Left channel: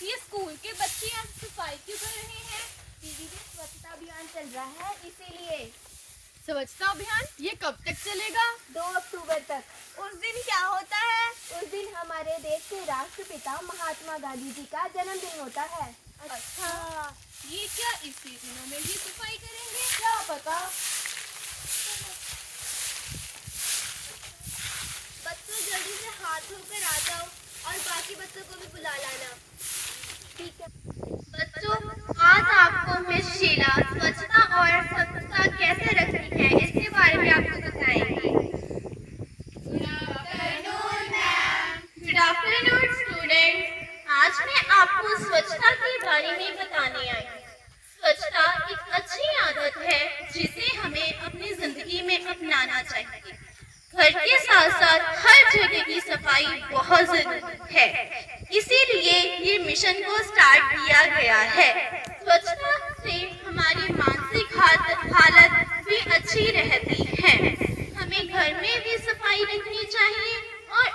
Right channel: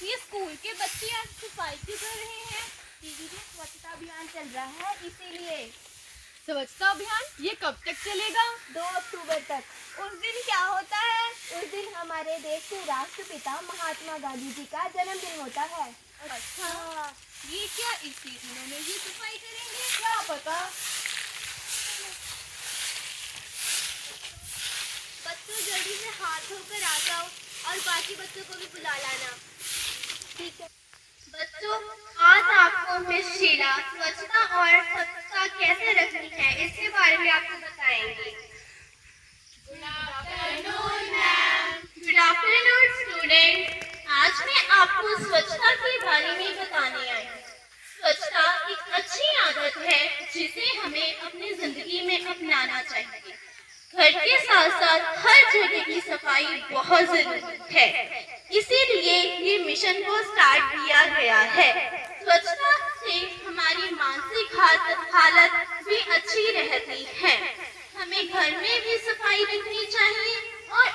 ये स्कूल के बच्चे आज सफाई क्यों कर रहे हैं? दीदी जी, स्वच्छता अभियान चल रहा है इसीलिए। स्वच्छता अभियान ये कब तक चलेगा? 2 अक्टूबर तक। उस दिन क्या होता है? उस दिन हमारे देश के राष्ट्रपिता महात्मा गांधी जी का जन्मदिन होता है। अच्छा, ये क्या इसी दिनों में ही सफाई करेंगे? क्या पता। बच्चों जल्दी से हाथ धोकर आ जाओ और बाकी बच्चों को भी बुला लाना। ठीक है बच्चों, आज आपको मिस शीला स्वच्छता और स्वच्छता कैसे रखनी है इसके बारे में आपको बताएंगी। Good afternoon student. आज मैं आपको स्वच्छता के बारे में बताने आई हूँ। स्वच्छता एक अच्छी आदत है जिसे हमें अपनी जिंदगी में अपनाना चाहिए। घर के साथ साथ हर जगह की सफाई बहुत जरूरी है, इसीलिए ये मिशन को स्टार्ट किया गया है। स्वच्छता से हमारी मानसिक हालत भी अच्छी रहती है। हमें घर में भी सफाई रखनी चाहिए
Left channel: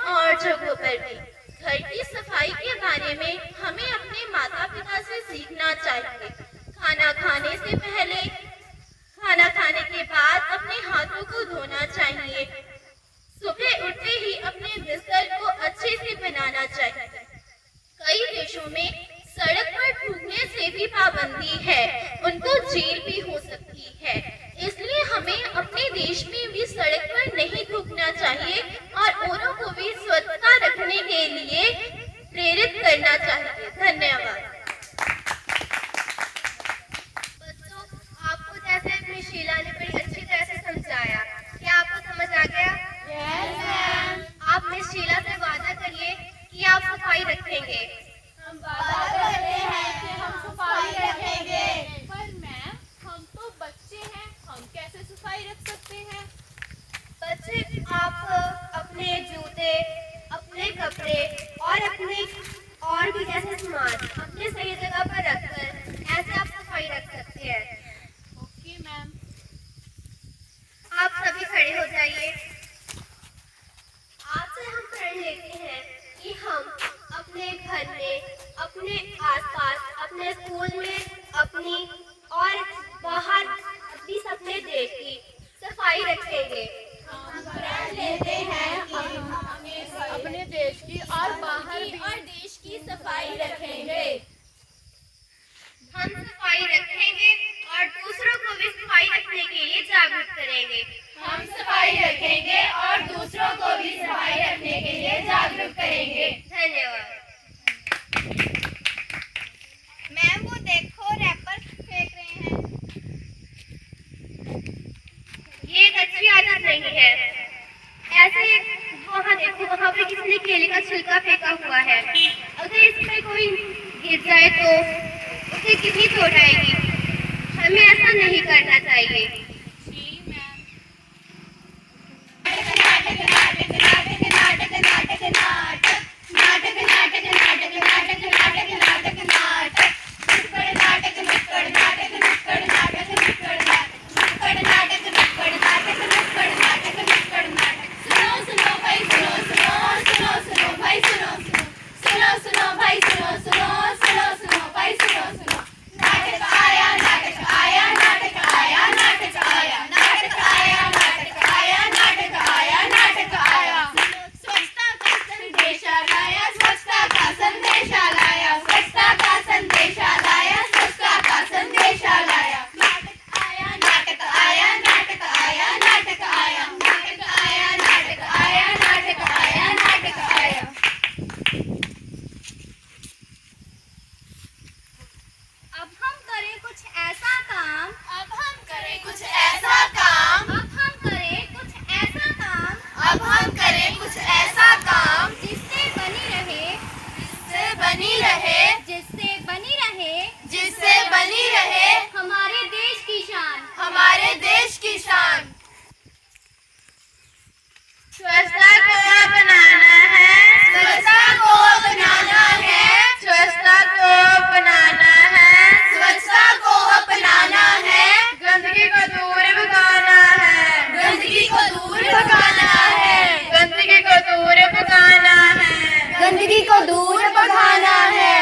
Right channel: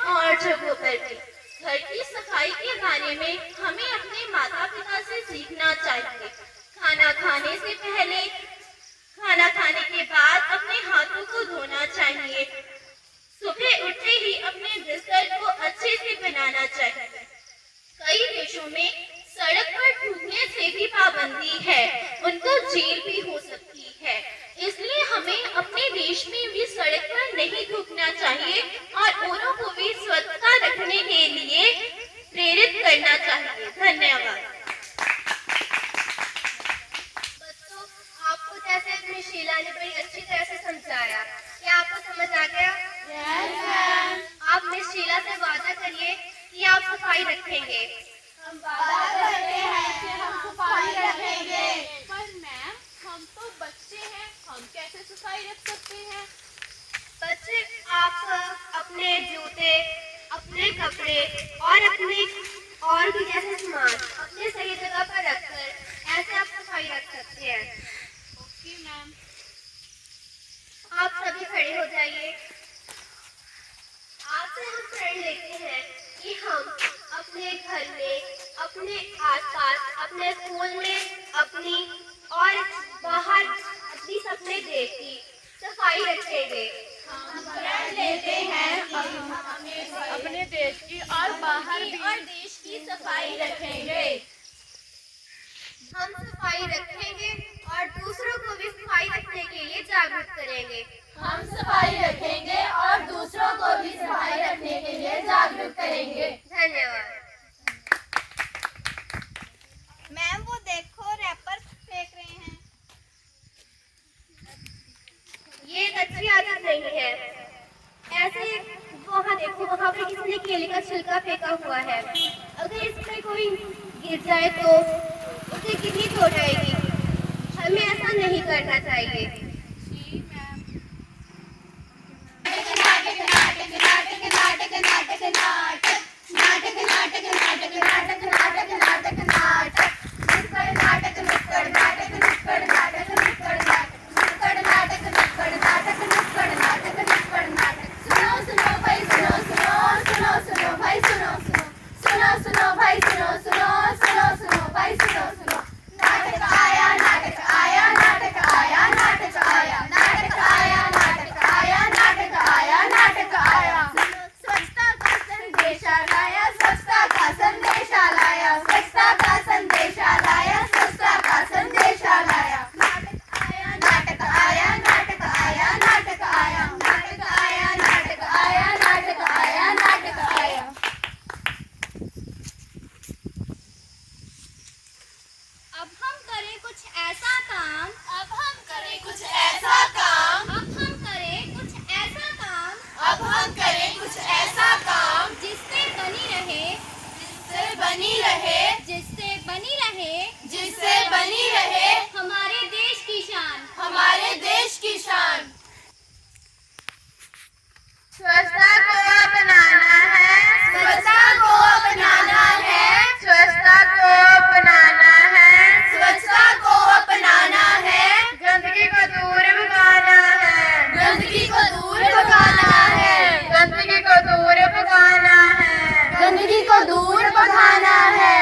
और जगहों पर भी। घर की सफाई के बारे में हमें अपने माता पिता से सीखना चाहिए। खाना खाने से पहले, खाना खाने के बाद अपने हाथों को धोना चाहिए। सुबह उठते ही अपने बिस्तर को अच्छे से बनाना चाहिए। कई देशों में सड़क पर थूकने से भी पाबंदी है, उनको जेल भी हो सकती है। इसलिए हमें अपने देश में भी सड़क पर नहीं थूकना चाहिए और औरों को भी स्वच्छता रखने के लिए प्रेरित करना चाहिए। धन्यवाद। बच्चों, आपको जैसे मिस शीला ने बड़ी अच्छी तरह से समझाया, क्या आपको समझ आ गया? आप मिस शीला से वादा करिए कि आप सफाई रखेंगे। हम वादा करते हैं कि हम सफाई रखेंगे। पर मैम, हम तो बच्चे हैं, हम कैसे सफाई रख सकते हैं? बच्चे, आप अपने जूते, अपने कपड़े और भी जैसे सामान अपने सही जगह पर रखकर ऐसे आप सफाई रख सकते हैं। Okay ma'am. आप सभी खड़े हो जाइए। आपसे हम प्रण लेते हैं कि हम अपने घर में, अपने आसपास, अपने स्कूल में, अपनी और बाहर अपनी अपने देश की सफाई रखेंगे। हम प्रण लेते हैं कि हम अपने देश की और बाहर भी और देश की सफाई रखेंगे। हम सफाई रखेंगे और दूसरों को भी सफाई रखने के लिए जागरूक करेंगे। हम सफाई रखेंगे और दूसरों को भी सफाई रखने के लिए जागरूक करेंगे। धन्यवाद। मैम, वो देखो रैपर फेंक रहे हैं। ये एक अच्छी आदत नहीं है। ऐसे वहाँ देखो, वहाँ पर किसी ने केले का छिलका फेंका हुआ है। अगर इसमें कोई गिर जाए तो उसे कितनी चोट आएगी। हमें ऐसा नहीं करना चाहिए। जी मैम। अब हम करें कुछ ऐसा काम, अब हम करें कुछ ऐसा काम, अब हम करें कुछ ऐसा काम, अब हम करें कुछ ऐसा काम जिससे बनी रहे, जिससे बनी रहे, जिससे बनी रहे जिससे बनी रहे हमारे देश की शान। हमारे देश की शान। स्वच्छता को अपनाना है, स्वच्छता को अपनाना है, स्वच्छता को अपनाना है, स्वच्छता को अपनाना है, गंदगी को दूर भगाना है, गंदगी को दूर भगाना है, गंदगी को दूर भगाना है, गंदगी को दूर भगाना है।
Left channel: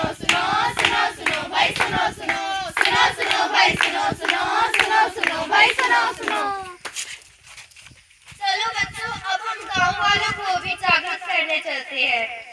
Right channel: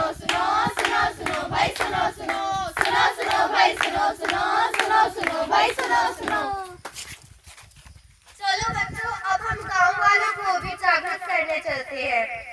सुनो सुनो सुनो सुनो भाई सुनो सुनो सुनो सुनो भाई सुनो सुनो सुनो सुनो भाई सुनो सुनो। चलो बच्चों, अब हम गांव वालों को भी जागरूक करने चलते हैं।